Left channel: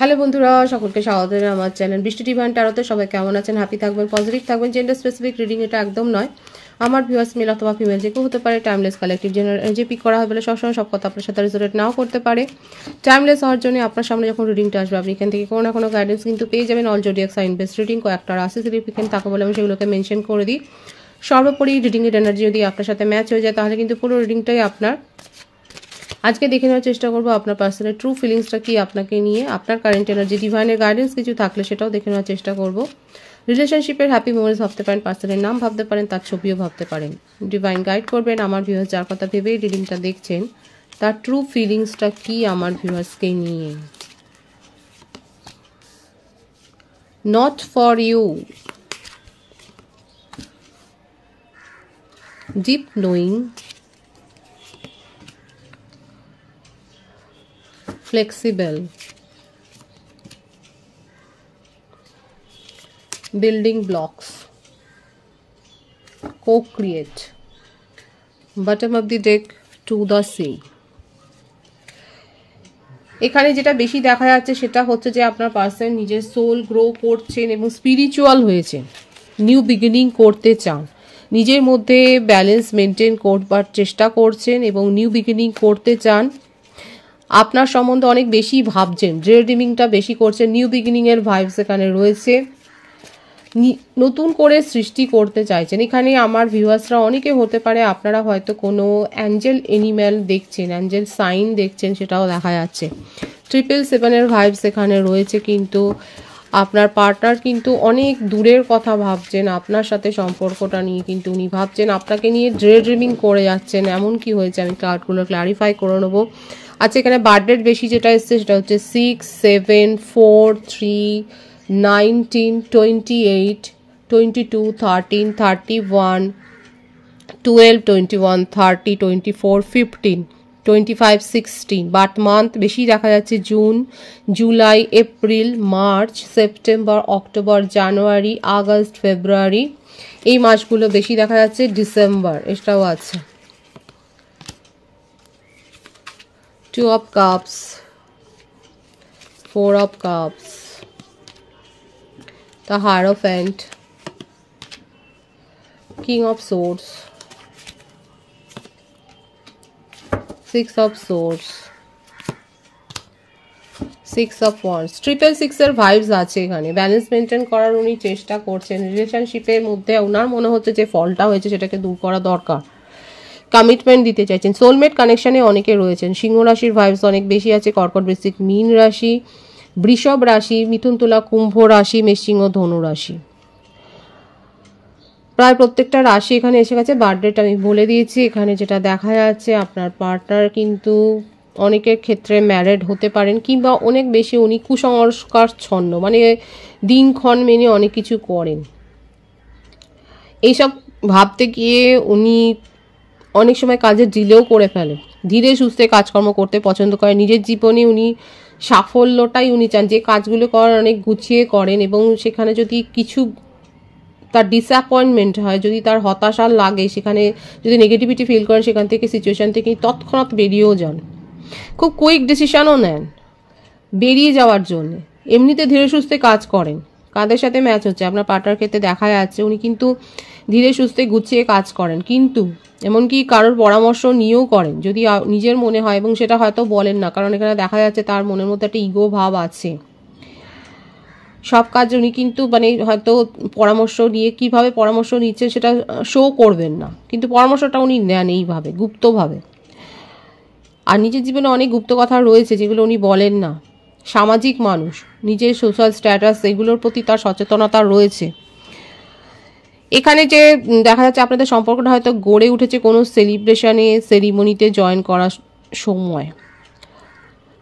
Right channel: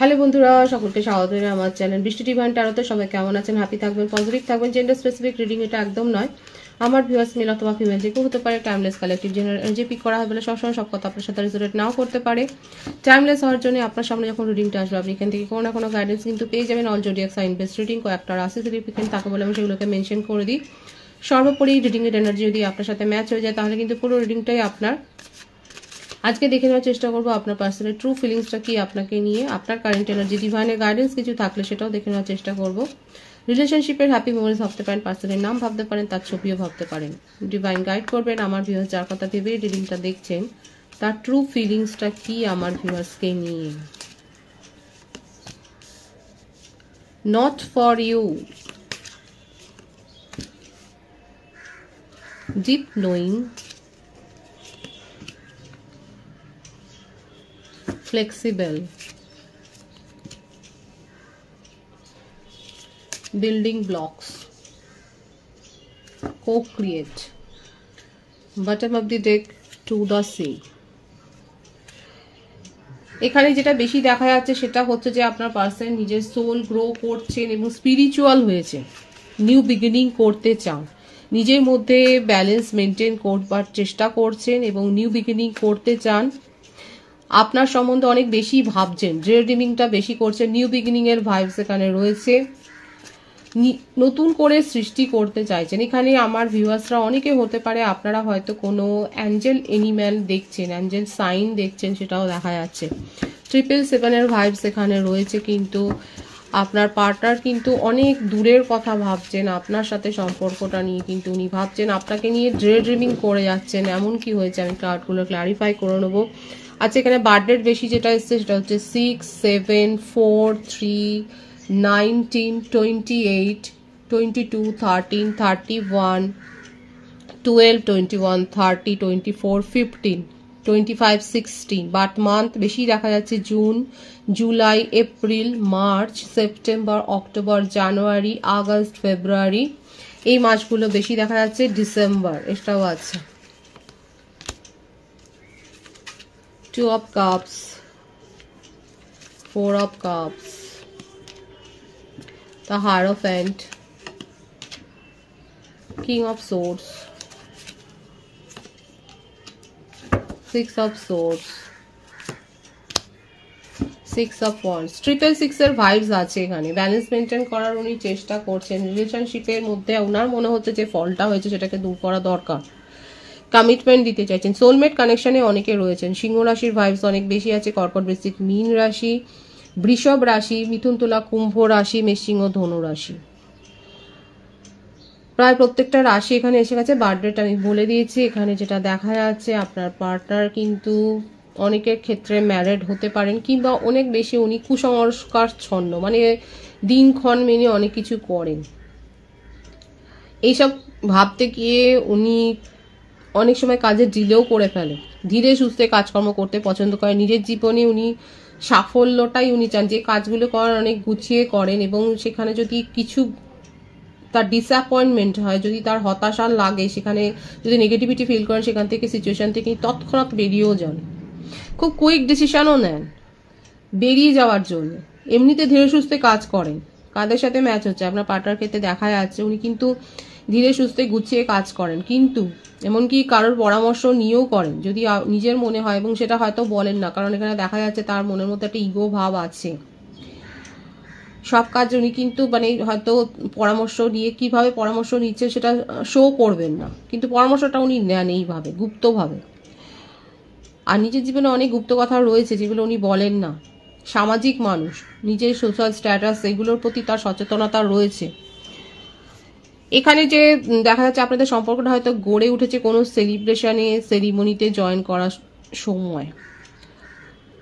Hello বন্ধুরা, সকলকে স্বাগত জানাই আমার চ্যানেল বৃষ্টি ডিভাইন ট্যারোতে। সবাই কেমন আছেন? হ্যাপি থাকবেন, পজিটিভ থাকবেন। জেন্ডার স্পেসিফিক রিডিং এটা একদম নয়। আমার ভিউয়ার্স মেল অথবা ফিমেল যে কেউ হতে পারে। Timeless collective general energy pick করা হয় বলে সবসময় সব কথা আপনার সাথে রেজোনেট নাও করতে পারে। টাইমলেস হওয়ার জন্য আপনার সামনে যখন রিডিংটা আসবে আপনি এখান থেকে কোনো না কোনো গাইডেন্স কিন্তু পেয়ে যাবেন। All zodiac sign base reading কয়েকটা রাশি সিগনিফিকেন্ট থাকে বলে আমি সেগুলোকে মেনশন করে দিই। সর্বোপরি রিডিংয়ের এনার্জি যদি আপনার সাথে ম্যাচ হয়ে যায় তাহলে কিন্তু পুরো রিডিংটাই আপনার। আজকে দেখে নেওয়ার চেষ্টা করবো আপনার পার্সনের ট্রু ফিলিংসটা কি আপনাকে নিয়ে, আপনার কারেন্ট এনার্জি, ডিভাইনের গাইডেন্স কিছু থাকলে সেটাও দেখে নেওয়ার চেষ্টা করবো। রিলেশনশিপের হ্যাপি মোমেন্টস ভাবতে পারেন, পার্সনের নাম ভাবতে পারেন, তার ছবিও ভাবতে পারেন। ডিভাইন গাইড করবেন আমার ভিউয়ার্স যার কথা ভেবেই রিডিংটা দেখছেন তার ট্রু ফিলিংসটা কি আমার ভিউয়ার্সকে নিয়ে। Not for you, deep knowing, flexible, building blocks, co-create, bottom of the deck to the sea। এখানে যেটা বেশি দেখা যাচ্ছে সেটা হচ্ছে যে আপনার পার্সন নিজের সোল গ্রো করছেন এবং স্পিরিচুয়াল হয়েছে, নিউ বিগিনিং করতে চান, নিজের মধ্যে ব্যালেন্স মেনটেন করবার চেষ্টা করছেন এবং নিউ বিগিনিং করতে চান। আপনার সম্বন্ধে অনেক বেশি ভাবছেন, ড্রে ড্রিমিংটা বেশি করছেন, নিউ বিগিনিং এর ভাইবস এখানে রয়েছে, নতুন করে সৃষ্টি করতে চাইছেন। এখানে আমার ভিউয়ার্সরা অনেকে হতে পারে আপনারা হয়তো কোনো অ্যাঞ্জেল এনিম্যাল দেখছেন, অ্যাঞ্জেল সাইন দেখছেন, সেটাও দেখা যাচ্ছে। 777 এর ভাইবস এখানে রয়েছে, কিন্তু আপনার পার্টনার কিন্তু অনেক দূরের কথা ভাবছেন, আপনার সাথে সম্পর্কটা নিয়ে কিন্তু উনি ভাবছেন, আপনাকে নিয়ে ড্রে ড্রিমিং করে যাচ্ছেন। এমন কি হয়েছে আমি কার্ডগুলো ক্লারিফাই করে নেবো। আচ্ছা, এখানে বার্থডেট বেশি যেটা এসছে সেটা হচ্ছে 6, 7, 4, 3, 19, 28, 22, 13, 31, 12, 21, 30, 24, 15, 25, 16। বাট মান্থ বেশি দেখা যাচ্ছে June, July, April, March, September, October, January, August, February, এই মাসগুলো বেশি দেখা যাচ্ছে। ডিসেম্বর এটাও আছে। 2 of cups, 4 of cups, the Hierophant, King of Swords, 6 of Swords, 6 of Wands। 666 এর ভাইবস আছে এখানে। ব্যালেন্স মেনটেন করার উনি চেষ্টা করছেন। রিলেশনশিপের মধ্যে ওনার মনে হচ্ছে যে ফলটা হয়েছে সেটাকে দূর করা দরকার। কমিটমেন্ট দিতে চাইছেন। সোলমেট কানেকশনে অনেকে রয়েছেন। সিংহ রাশির ভাইবস অনেক বেশি আছে। কর্কট, বৃশ্চিক, মীন রাশি, বৃষভ রাশি, মিথুন, তুলা, কুম্ভ রাশি, মেষসিংহ, ধনু রাশি। প্রায় প্রত্যেকটা রাশি এখানে এসে গেছে। বার্থডেটা আমি বলে দিয়েছি। এখানে যেটা দেখা যাচ্ছে আপনার পার্টনার কিন্তু অনেকের ক্ষেত্রে ম্যারিড হতে পারেন, কিংবা অনেক বেশি উনি কুসংস্কার ছন্ন, মানে দিনক্ষণ মেনে অনেক কিছু করেন। এইসব ভাবতে গিয়ে উনি অনেক সময় কাজে ডিলেও করে ফেলেন। ধীরে সুস্থে কাজকর্ম করতে পছন্দ করেন। নিজের জীবনে উনি সাফল্যটাই উনি চান, যে কাজগুলো করেন অনেক গুছিয়ে করেন, এবং সেখানে যদি কিছু তার ডিসঅ্যাপয়েন্টমেন্ট হয়, যদি তার হতাশা লাগে, সেখানে যদি নেগেটিভিটি ফিল করেন, সেখান থেকে সিচুয়েশন থেকে তৎক্ষণাৎ বেরিয়েও যান। খুব কুইক ডিসিশনও নেন বেরিয়ে যাওয়ার জন্য। এমনিতে ধীরে সুস্থে কাজ করেন। কাদের সাথে ম্যাচ হচ্ছে আপনার পার্টনার ক্ষেত্রে দেখা যাচ্ছে উনি কিন্তু ধীরে সুস্থে গুছিয়ে কাজ করেন, কিন্তু এমনকি কারোর পরামর্শ নিয়েও করেন যদি নিজের মনে হয়, এবং সেটা হয়তো বলেন না, কারণ এখানে দেখা যাচ্ছে তার মনের মধ্যে একটা ইগো ভাব আছে। সব কাজ উনি কিন্তু মানে হয়তো পরামর্শ নিয়ে, কিভাবে পরামর্শ নিচ্ছে সেটা শো করবেন না, কিন্তু পরামর্শটা উনি নেন এইভাবে গুপ্তভাবে। আর নিজের জীবনে অনেক গুপ্ত কথা রয়েছে যেগুলো উনি বলেন না। সামাজিক মানুষ, নিজের সোশ্যাল স্ট্যাটাস এগুলোর প্রতি তার সচেতনতা রয়েছে। এখানে যে দেখা যাচ্ছে আপনাদের সম্পর্কটা হয়তো গড়ে উঠেছে কোনো সেলিব্রেশনে, সেরিমনিতে জয়েন করার সময়।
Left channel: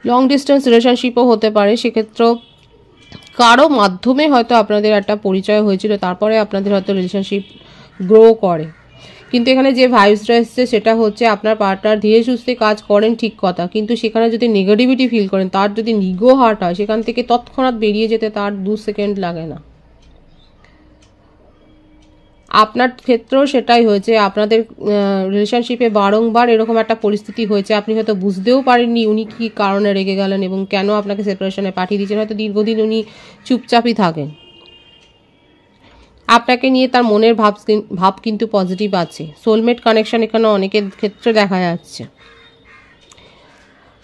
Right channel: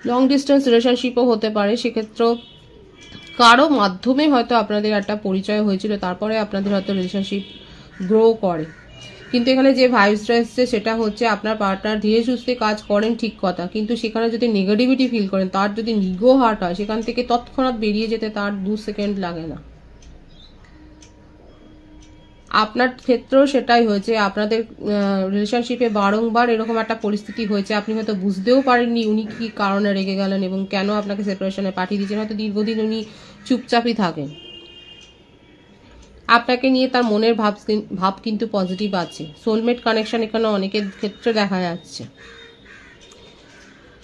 লং ডিস্টেন্স রিলেশনশিপও হতে পারে, সেক্ষেত্রেও কারো মাধ্যমে হয়তো আপনাদের একটা পরিচয় হয়েছিল, তারপরে আপনাদের হয়তো রিলেশনশিপ গ্রো করে। কিন্তু এখানে যে ভাইবসটা এসছে সেটা হচ্ছে আপনার পার্টনার ধীরে সুস্থে কাজ করেন, ঠিক কথা, কিন্তু সেখানে যদি নেগেটিভিটি ফিল করেন, তার যদি ইগো হার্ট হয়, সেখান থেকে তৎক্ষণাৎ বেরিয়ে যেতে তার 2 সেকেন্ড লাগে না। আপনার ক্ষেত্রেও সেটাই হয়েছে, আপনাদের রিলেশনশিপে বারংবার এরকম একটা পরিস্থিতি হয়েছে, আপনি হয়তো বুঝতেও পারেননি উনি কি কারণে রেগে গেলেন এবং কেন আপনাকে সেপারেশনে পাঠিয়ে দিয়েছেন। হয়তো দীর্ঘদিন উনি চুপচাপই থাকেন। আপনাকে নিয়ে তার মনের ভাব কিন্তু পজিটিভ আছে। সোলমেট কানেকশন এখানে অনেকের ক্ষেত্রে দেখা যাচ্ছে।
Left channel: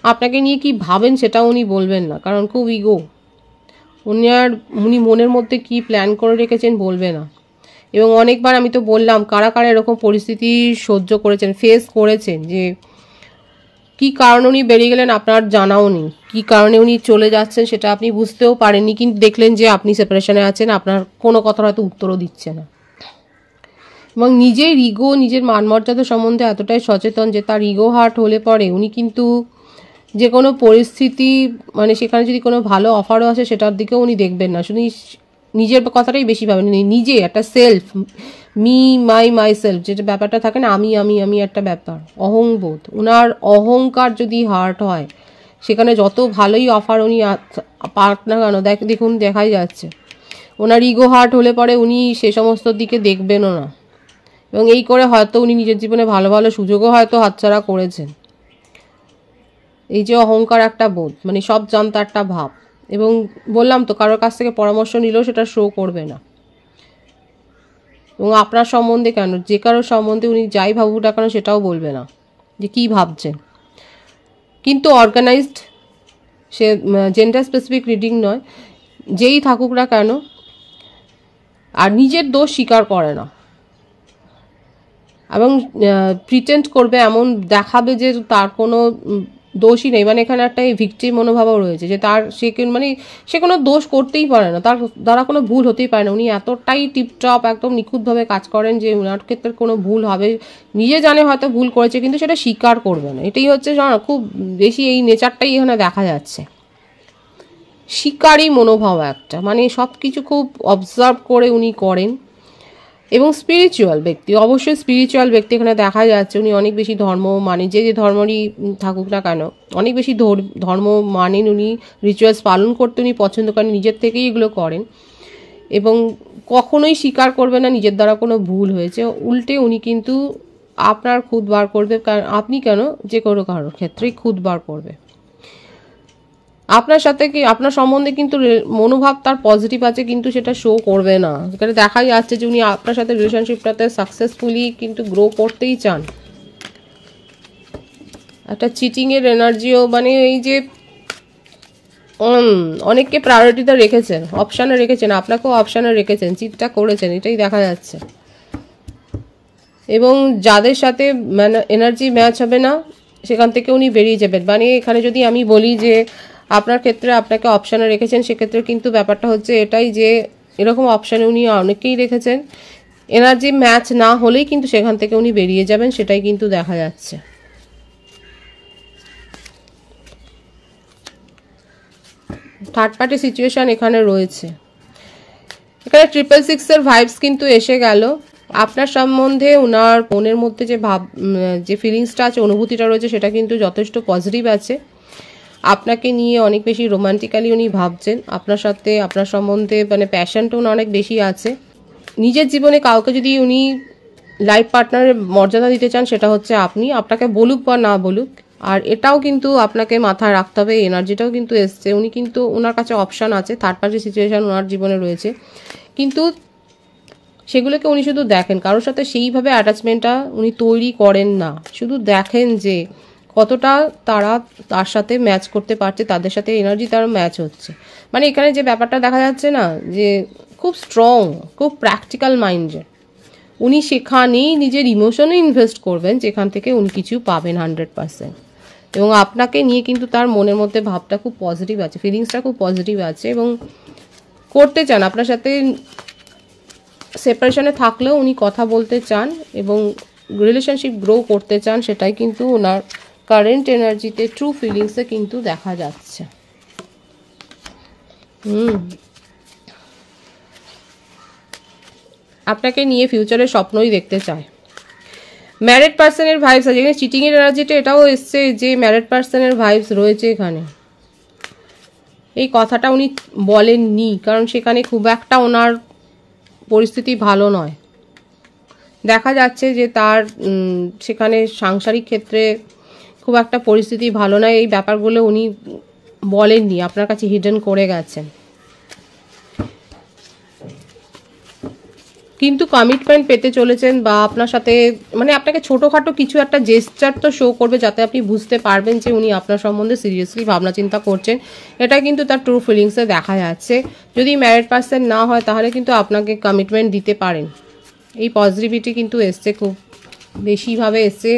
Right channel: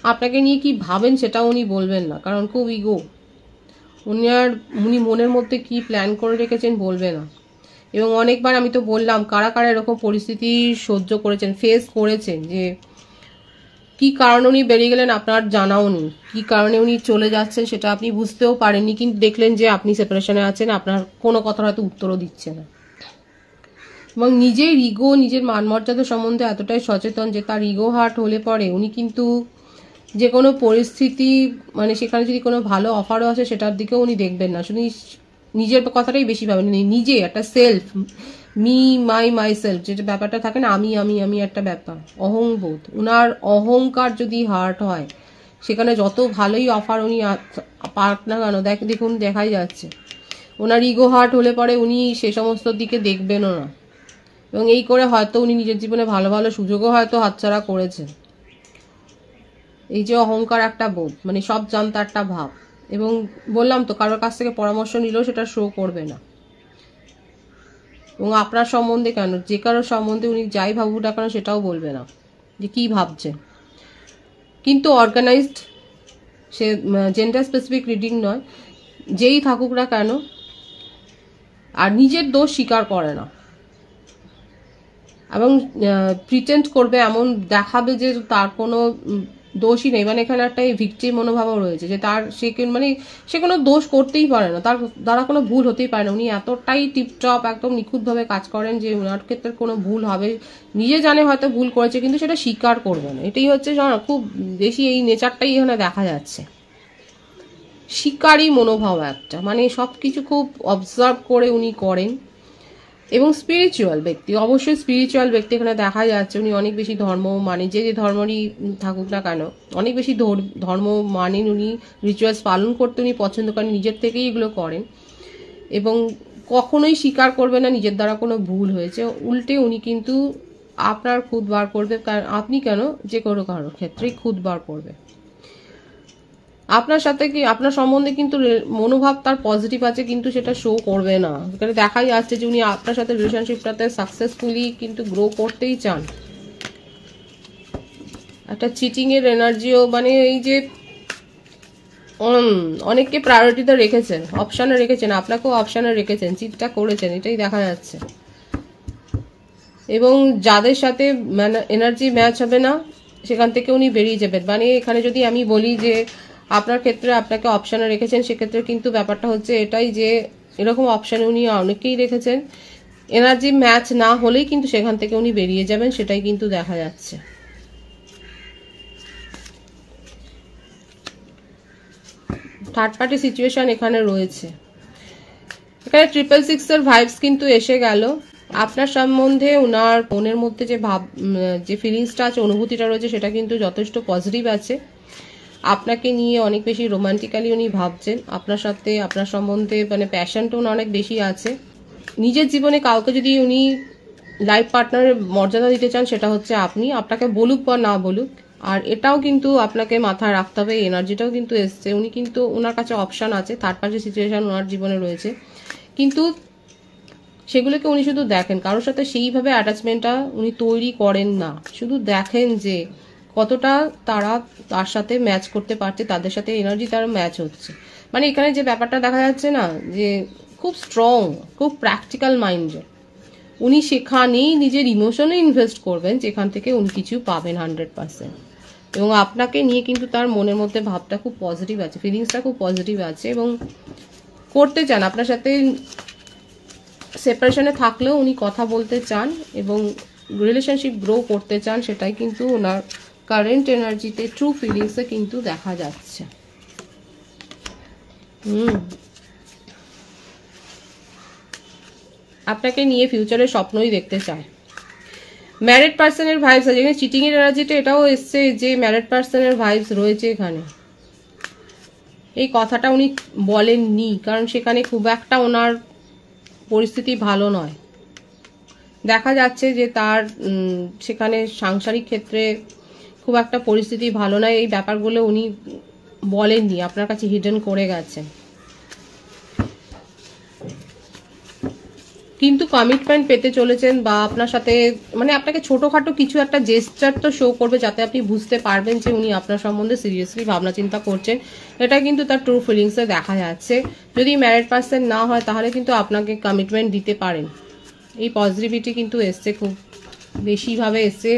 আপনাকে নিয়ে কি ভাবেন সেটাও উনি বলবেন না, কারণ খুব ইগো। উনি মনের মধ্যে কি প্ল্যান করে রেখেছেন বলবে না। এবং অনেকবার আমি তো বললাম কারা কারা এরকম পরিস্থিতি সহ্য করেছেন, ফেস করেছেন, যে কি কারণে উনি বেরিয়ে গেলেন আপনার জানাও নেই, কি কারণে উনি চলে যাচ্ছেন সেটা আপনি বুঝতেও পারেননি, কিন্তু দেখলেন যে আপনি সেপারেশনে আছেন, আপনার কোনো কথা হয়তো উত্তরও দিচ্ছে না। এবং নিজের ইগো, নিজের মানমর্যাদা সম্বন্ধে এতটাই সচেতন যে তার ইগো হার্ট হলে পরে উনি কিন্তু যে কোনো পরিস্থিতি, মানে সেখানে যদি কোনো ভালো অফারও আসে সেটার দিকেও উনি দেখবেন না, শুধু নিজের কথাটাই বেশি ভাবেন। নিজে একটা সেলফ, মাই সেলফ, যেটা ব্যাপারটা থাকে না, আমি একটা ব্যাপার, অহংবোধ, উনার অহংকার যদি হার্ট হয় সেখানে যত ভালোই অফার উনি পাক না কেন, দেখুন দেখাই যাচ্ছে ওনার ইগো হার্ট হলে পরে উনি সে সমস্ত দিকে দেখবেনও না। এবং এই করে হয়তো উনি নিজের জীবনে ভালো ভালো সুযোগও হয়তো হাতছাড়া করেছেন। এই যে অহংকার একটা বোধ, মানে সব জানতা একটা ভাব। এবং বললাম তো কারোর কাছ থেকে পরামর্শ নিলেও সেটা শো করবে না। এবং আপনার সম্বন্ধে কেন, যে কারোর সম্বন্ধে উনি যাই ভাবুক না কেন সেটাও বলবে না যে কি ভাবছেন। কিন্তু অর্গানাইজড, সে জেন্ডার স্পেসিফিক রিডিং নয়, যেই থাকুক না কেন, আর নিজের দোষ স্বীকার করে না এবং প্রিটেন্ড করবে, এমন দেখাবে যে তার কোনো দোষই নেই। মানে এখানে একটা ভিক্টিম মনোভাবও রয়েছে যে তার সে কোনো দোষ করতেই পারে না, তার দ্বারা কোনো ভুল হতেই পারে না। উনি এতটাই টিপটপ একদম নিখুঁতভাবে কাজ করেন যে ওনার ক্ষেত্রে কোনো ভুল হবে, নিজে জানে হয়তো ভুল করেছে কিন্তু সেটা স্বীকার করবে না। এটাই হচ্ছে খুব বেশি এই নেচারটাই এখানে দেখা যাচ্ছে। শিকারী মনোভাব একটা, মানে সব কিছু খুব অবজার্ভ করে উনি করেন। এবং স্পিরিচুয়াল ব্যক্তি, অবশ্যই স্পিরিচুয়াল ব্যক্তি এখানে দেখা যাচ্ছে। উনি অনেক বেশি ধর্ম মানে, যে ধর্মরই থাকুক না কেন অনেক বেশি ধর্ম মানেন উনি, রিচুয়ালস পালন করতে উনি পছন্দ করেন, নিজের থেকেই এগুলো করেন এবং কখনোই স্বীকার করবে না নিজের দ্বারা কোনো ভুল হয়েছে। উল্টে উনি কিন্তু আপনার খুদ বার করবে, কারণ আপনি কেন, যে কোনো কারোর ক্ষেত্রেই খুদ বার করবে। আপনার সাথে কি, আপনার সম্বন্ধে কিন্তু মনোভাব তার পজিটিভ আছে, কিন্তু সেটা শো করবে না। এখানে দেখাই যাচ্ছে যে উনি আপনার সাথে রিলেশনশিপটাতে সাকসেসফুলি কিন্তু গ্রো করতেই চান। একটা চিটিং এর এনার্জিও, মানে এই যে অনেককে প্রায়োরিটিতে রেখেছেন, অপশানে রেখেছেন, আপনাকেও অপশানে রেখেছেন, চিটটা করেছেন, এটাই দেখা যাচ্ছে। এবং যাদের সাথে মানে এনার্জি ম্যাচ হবে না সেখান থেকে উনি বেরিয়ে যাবেন। মানে এখানে যদি আমি বলি যে আপনার ক্ষেত্রে আপনাকে অপশানে রেখেছেন, সেক্ষেত্রে কিন্তু ব্যাপারটা হচ্ছে এটাই যে এরকম অপশানে উনি অনেকেই রেখেছেন, এনার্জি ম্যাচ না হলেই কিন্তু সেখান থেকে উনি বেরিয়ে যাবেন, সেটাই কিন্তু দেখা যাচ্ছে। থার্ড পার্টি সিচুয়েশন এখানে রয়েছে। এখানে 666 এর ভাইবস কিন্তু এসে গেল। আপনার সম্বন্ধে ওনার মনের মধ্যে যে ফিলিংসটা আছে, অনুভূতিটা রয়েছে, সেটা কিন্তু যথেষ্ট পজিটিভ আছে। আপনাকে নিয়ে অনেক বেশি রোমান্টিক্যালি উনি ভাবছেন, আপনার সাথে আপনার সম্বন্ধে মানে প্যাশনটা অনেক বেশি আছে। নিজের জীবনে কাউকে যদি উনি লাইফ পার্টনারের মর্যাদা দিতে চান সেটা হচ্ছে আপনি, আপনাকে বলুক বা না বলুক। আর এটাও কিন্তু আপনাকে মাথায় রাখতে হবে, এনার্জিটাও কিন্তু এসছে, উনি কিন্তু ওনার কাছে অপশান আছে, থার্ড পার্টি সিচুয়েশন ওনার জীবনে রয়েছে, কিন্তু সেগুলোকে উনি শুধু দেখেন, কারোর সাথে সেইভাবে অ্যাটাচমেন্টটা উনি তৈরি করেন না, শুধু দেখেন যে কতটা তারা তার সাথে ম্যাচ করতে পারছে, তাদের সাথে এনার্জি তার ম্যাচ হচ্ছে। মানে এখানে যে ব্যাপারটা দেখা যাচ্ছে না, যে খুব স্ট্রং, খুব প্র্যাকটিক্যাল মাইন্ডের, উনি সেখানেই নিজের ইমোশনে ইনভেস্ট করবেন যেখান থেকে উনি কিছু পাবেন 100%। এবং আপনাকে নিয়ে কিন্তু তার মনের মধ্যে ভাবটা খুব পজিটিভ আছে, ফিলিংসটা খুব পজিটিভ আছে এবং করতে চান আপনার সাথে। সেপারেশনে থাকলেও উনি কথা বলতে চান এবং রিলেশনশিপ গ্রো করতে চান, সেটাই কিন্তু ওনার কারেন্ট এনার্জিতে, ট্রু ফিলিংসে কিন্তু দেখা যাচ্ছে। আপনাকে নিয়ে ফিউচারে স্বপ্নই দেখতে চায়। ম্যারিড পার্সনের ভাইবস আছে, এখানে চিটিং এর এনার্জিটা এটাও এসছে যে ম্যারিড পার্সনের ভাইবস রয়েছে এখানে। এই কথাটা উনি বলেননি কারণ সেখানে খুব একটা ওনার পরিস্থিতি ভালো নয়, দেখা যাচ্ছে যে তার সেখানে সাংসারিক ক্ষেত্রে খুব একটা পরিস্থিতি ভালো নয়। এই ব্যাপারগুলো উনি বলেননি, আপনার কাছে হিডেন করে গেছেন। কিন্তু কমিটমেন্ট পেতে চলেছেন, বা আপনার সাথে মানে আপনাকে ছোটখাটো কিছু একটা জেস্টার তো শো করবে, যাতে আপনি বুঝতে পারবেন যে উনি আপনার সম্বন্ধে সিরিয়াসলি ভাবনা চিন্তা করছেন। এটা কিন্তু তার ট্রু ফিলিংসে দেখা যাচ্ছে। যদি ম্যারিড পার্সন না হয় তাহলে কিন্তু আপনাকে কমিটমেন্ট দিতে পারেন। এই পজিটিভিটি কিন্তু এসছে, খুব বেশিভাবে এসছে,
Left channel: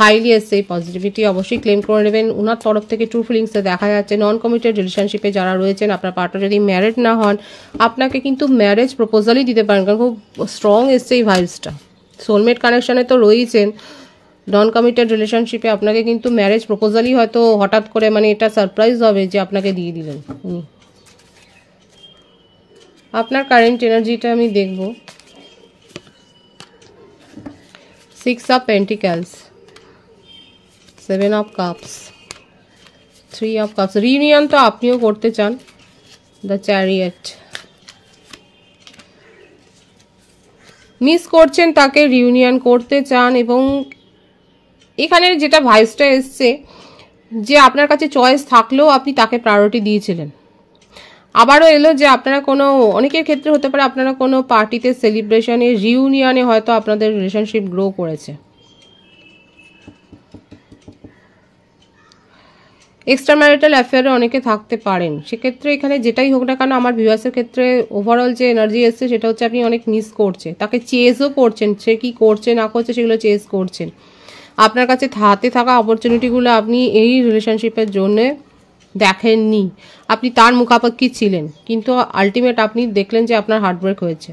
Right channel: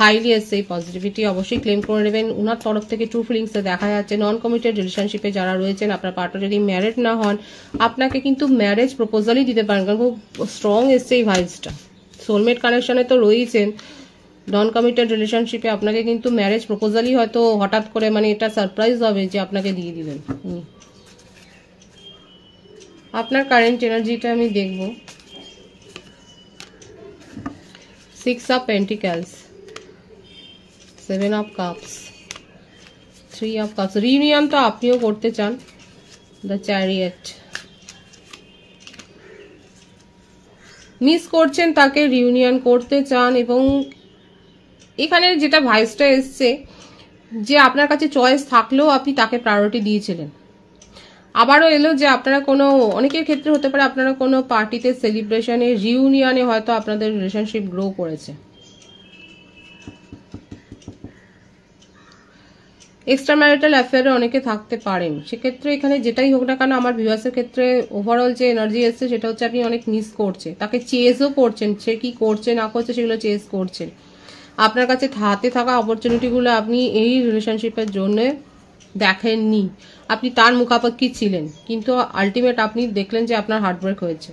হাইলি এসছে। এই পজিটিভিটি অবশ্যই ক্লেম করে নেবেন। ওনার তরফ থেকে ট্রু ফিলিংসে দেখা যাচ্ছে নন কমিটেড রিলেশনশিপে যারা রয়েছেন, আপনার পার্টনার যদি ম্যারিড না হন, আপনাকে কিন্তু ম্যারেজ প্রপোজালই দিতে পারেন, কারণ খুব স্ট্রং এসছে এই ভাইবসটা। সোলমেট কানেকশনে তো রয়েছেন, নন কমিটেড রিলেশনশিপে আপনাকে কিন্তু ম্যারেজ প্রপোজালই হয়তো হঠাৎ করে, মানে এটা সারপ্রাইজ হবে যে আপনাকে দিয়ে দিলেন। আপনার কারেন্ট এনার্জিটা আমি দেখব। 6 of Pentacles, 7 of Cups, 3 of Cups। Reunion তো আপনিও করতে চান, দ্য চ্যারিয়েট। মিস করছেন তাকে, রিউনিয়ন করতে চান, এবং এখানে যেটা ভাইবসটা এসছে যে আপনার কাছে চয়েস থাকলেও আপনি তাকে প্রায়োরিটি দিয়েছিলেন। আবারও এলো যে আপনারা কোনো, অনেকের ক্ষেত্রে হতে পারে আপনারা কোনো পার্টিতে, সেলিব্রেশনে, রিউনিয়নে হয়তো আপনাদের রিলেশনশিপ গ্রো করেছে। এক্সট্রা ম্যারিটাল অ্যাফেয়ারে অনেকে থাকতে পারেন। সেক্ষেত্রে এখানে যেটাই হোক না কেন, আমার ভিউয়ার্সের ক্ষেত্রে ওভারঅল যে এনার্জি এসছে সেটা হচ্ছে আপনি অনেক মিস করছেন তাকে, চেজও করছেন, সে কি করছে না করছে সেগুলো চেজ করছেন। আপনার কাছে হাতে থাকা অপরচুনিটিগুলো আপনি এই রিলেশনশিপের জন্য দেখেননি, আপনি তার মুখাপেক্ষী ছিলেন, কিন্তু আলটিমেট আপনি দেখলেন যে আপনার হার্টব্রেক হয়েছে।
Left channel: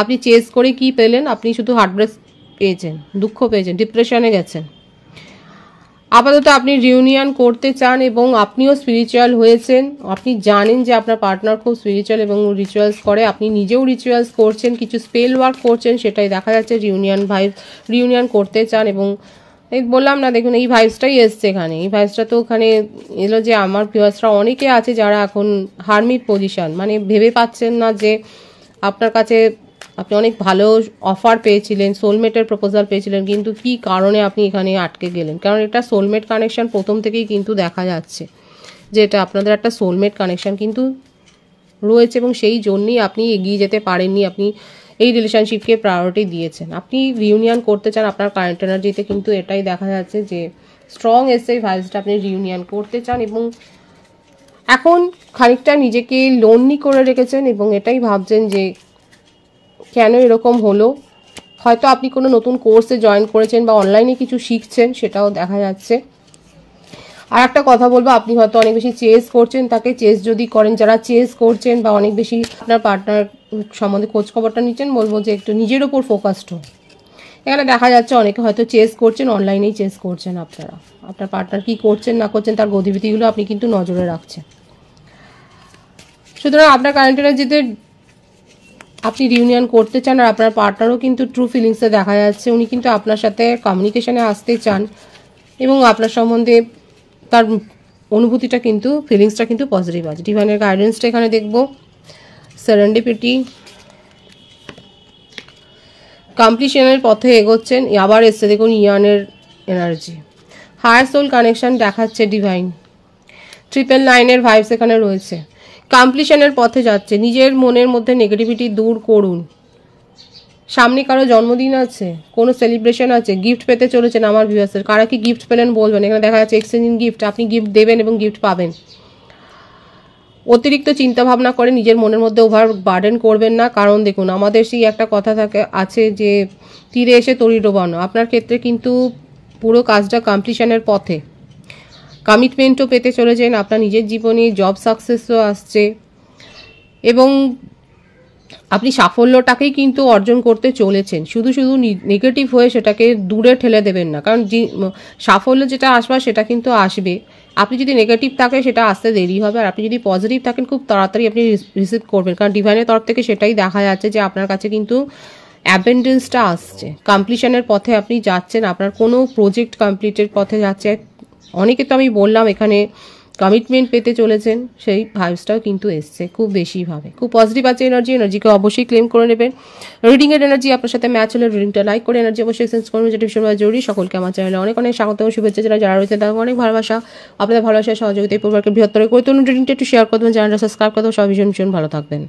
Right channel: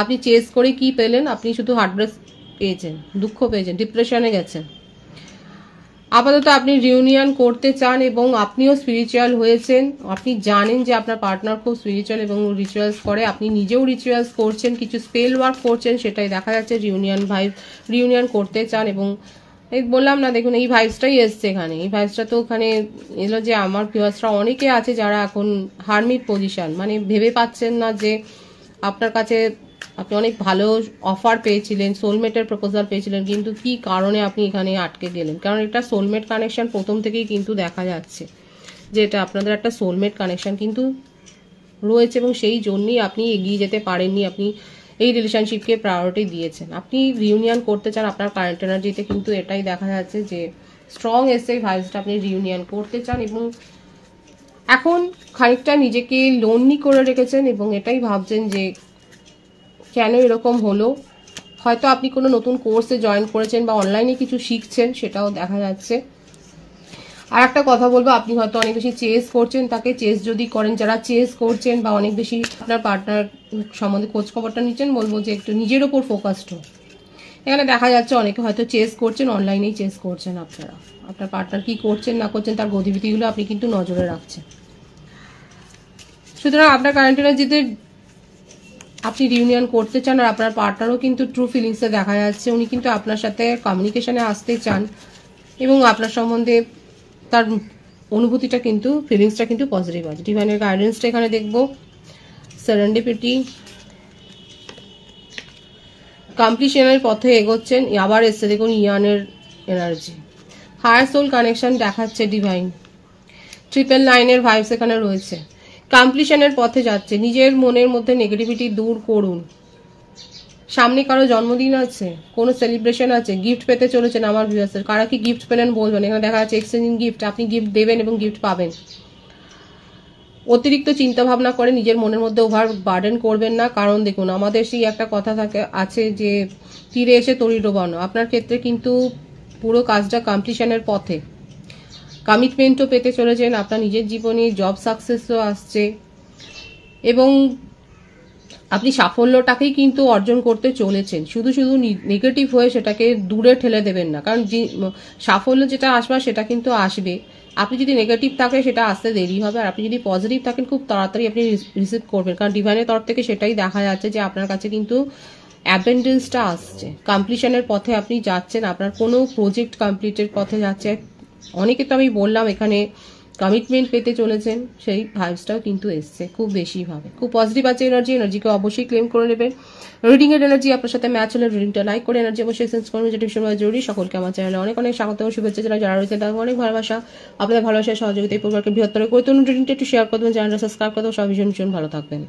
আপনি চেজ করে কি পেলেন? আপনি শুধু হার্টব্রেক পেয়েছেন, দুঃখ পেয়েছেন, ডিপ্রেশনে গেছেন। আপাতত আপনি রিউনিয়ন করতে চান এবং আপনিও স্পিরিচুয়াল হয়েছেন। আপনি জানেন যে আপনার পার্টনার খুব স্পিরিচুয়াল এবং রিচুয়ালস করে, আপনি নিজেও রিচুয়ালস করছেন, কিছু স্পেল ওয়ার্ক করছেন, সেটাই দেখা যাচ্ছে। রিউনিয়ন করতে চান, এবং এই বললাম না, দেখুন এই ভাইবসটাই এসছে এখানে। এই ভাইবসটা তো ওখানে এলো যে আমার ভিউয়ার্সরা অনেকে আছে যারা এখন হারমিট পজিশন, মানে ভেবে পাচ্ছেন না যে আপনার কাছে আপনি অনেক ভালো অফার পেয়েছিলেন, সোলমেটের প্রপোজাল পেয়েছিলেন, কিন্তু কি কারণে আপনি এখানে আটকে গেলেন। কারণ এটা সোলমেট কানেকশন প্রথম থেকেই কিন্তু দেখা যাচ্ছে যে এটা আপনাদের একটা সোলমেট কানেকশন কিন্তু রয়েছে, এবং সেই জন্যই আপনি এগিয়ে যেতে পারেননি। আপনি এই রিলেশনশিপকে প্রায়োরিটি দিয়েছেন। আপনি রিউনিয়ন করতে চান, আপনার কারেন্ট এনার্জিতে কিন্তু এটাই দেখা যাচ্ছে যে স্ট্রং এসে ভাইবসটা, আপনি রিউনিয়ন করতে চান, এবং এখন খানিকটা নিজেকে লোনলি করে রেখেছেন, এবং এটাই ভাবছেন যে কেন এরকম হলো। হয়তো আপনি কোনো নতুন কোর্সে জয়েন করেছেন বা অনলাইনে কিছু শিখছেন, সেটাও দেখা যাচ্ছে। আর একটা কথা বলবো, আপনি হয়তো অনেক বেশি চেস করছেন তাকে। চেস যদি করেন, যারা চেস করছেন বা অনেক বেশি আপনার পার্টনার সম্বন্ধে খোঁজ খবরটা নিচ্ছেন, বলবো যে একটু নিজের উপর ফোকাসড হোক। এখানে দেখা যাচ্ছে অনেকে হয়তো চেস করছেন, অনলাইনেই চেস করছেন আপনারা। আপনার পার্টনার কি করছেন না করছেন তার গতিবিধিগুলো আপনি কিন্তু নজরে রাখছেন। সুতরাং আপনার কারেন্ট এনার্জিতে আপনি রিউনিয়ন করতে চান, আর আপনার পার্টনারও কিন্তু ট্রু ফিলিংসে দেখা যাচ্ছে উনি কিন্তু আপনার সাথে কমিউনিকেশনে আসতে চান, এবং আপনার সম্বন্ধে তার অনুভূতিটা কিন্তু, ফিলিংসটা কিন্তু পজিটিভ আছে। ডিভাইনের গাইডেন্সটা এখানে দেখবো। সেরেন্ডিপিটি, কমপ্লিশনের পথে এগোচ্ছেন। আবার এসছে দেখুন ইয়ানের এনার্জি, হায়ার সোল কানেকশন দেখাচ্ছে ডিভাইন। 999 ভাইবস এখানে রয়েছে। কমপ্লিশনের পথে যাচ্ছে, নিজের মনের মধ্যে নেগেটিভিটি দূর করুন। সামনে কারো জন্মদিন আছে, কোনো সেলিব্রেশন আছে, গিফট পেতে চলেছেন আমার ভিউয়ার্সের। কারা কি গিফট পেলেন বলবেন। এখানে দেখা যাচ্ছে এক্সচেঞ্জিং গিফট, আপনি গিফট দেবেন এবং গিফট পাবেন। অতিরিক্ত চিন্তা ভাবনা করে নিজের মনের মধ্যে ওভার বার্ডেন করবেন না, কারণ দেখুন আমাদের সেই একটা কথা আছে যে তীরে এসে তরি ডোবানো। আপনার ক্ষেত্রে কিন্তু পুরো কাজটা কমপ্লিশনের পথে, কমিটমেন্টও পেতে চলেছেন আপনার নিজের জীবনে, জব সাকসেসও আসছে, এবং আপনি সাফল্যটাকেই কিন্তু অর্জন করতে চলেছেন। শুধু শুধু নেগেটিভ হয়ে সেটাকে দূরে ঠেলে দেবেন না, কারণ সাফল্য যেটা আসবে সেটা কিন্তু আসবে। আপনি যদি নেগেটিভ থাকেন সেটা আসতে দেরি হবে, আর আপনি যদি পজিটিভ থাকেন খুব তাড়াতাড়ি আপনি রিসিভ করবেন, কারণ ডিভাইনের তরফ থেকে সেটাই দেখা যাচ্ছে যে আপনার কাছে কিন্তু অ্যাবেন্ডেন্সটা আসছে। কমপ্লিশনের পথে আপনি যাচ্ছেন, আপনার কোনো প্রজেক্ট কমপ্লিটের পথে যাচ্ছে। অনেকে তো আমি বললাম এখানে কমিটমেন্ট পেতে চলেছেন, সেই ভাইবসটাও কিন্তু এসছে খুব বেশিভাবে। খুব পজিটিভ আছে এনার্জিকে অবশ্যই ক্লেম করে নেবেন। রিডিং এর এনার্জি আপনার সাথে ম্যাচ হলে রিডিংটা লাইক করে এনার্জি অবশ্যই সেন্স করবেন, যেটা ভীষণভাবে জরুরি। সকলকে আমার চ্যানেলে অনেক অনেক স্বাগত ও শুভেচ্ছা জানাই। যারা রয়েছে তাদের অনেক ভালোবাসা, আপনাদের ভালোবাসা সহযোগিতা এই পরিবারকে বৃহত্তর করে তুলুন। রিডিংটা একটু শেয়ার করবেন, চ্যানেলটা সাবস্ক্রাইব করবেন। সবাই ভীষণ ভীষণ ভালো থাকবেন।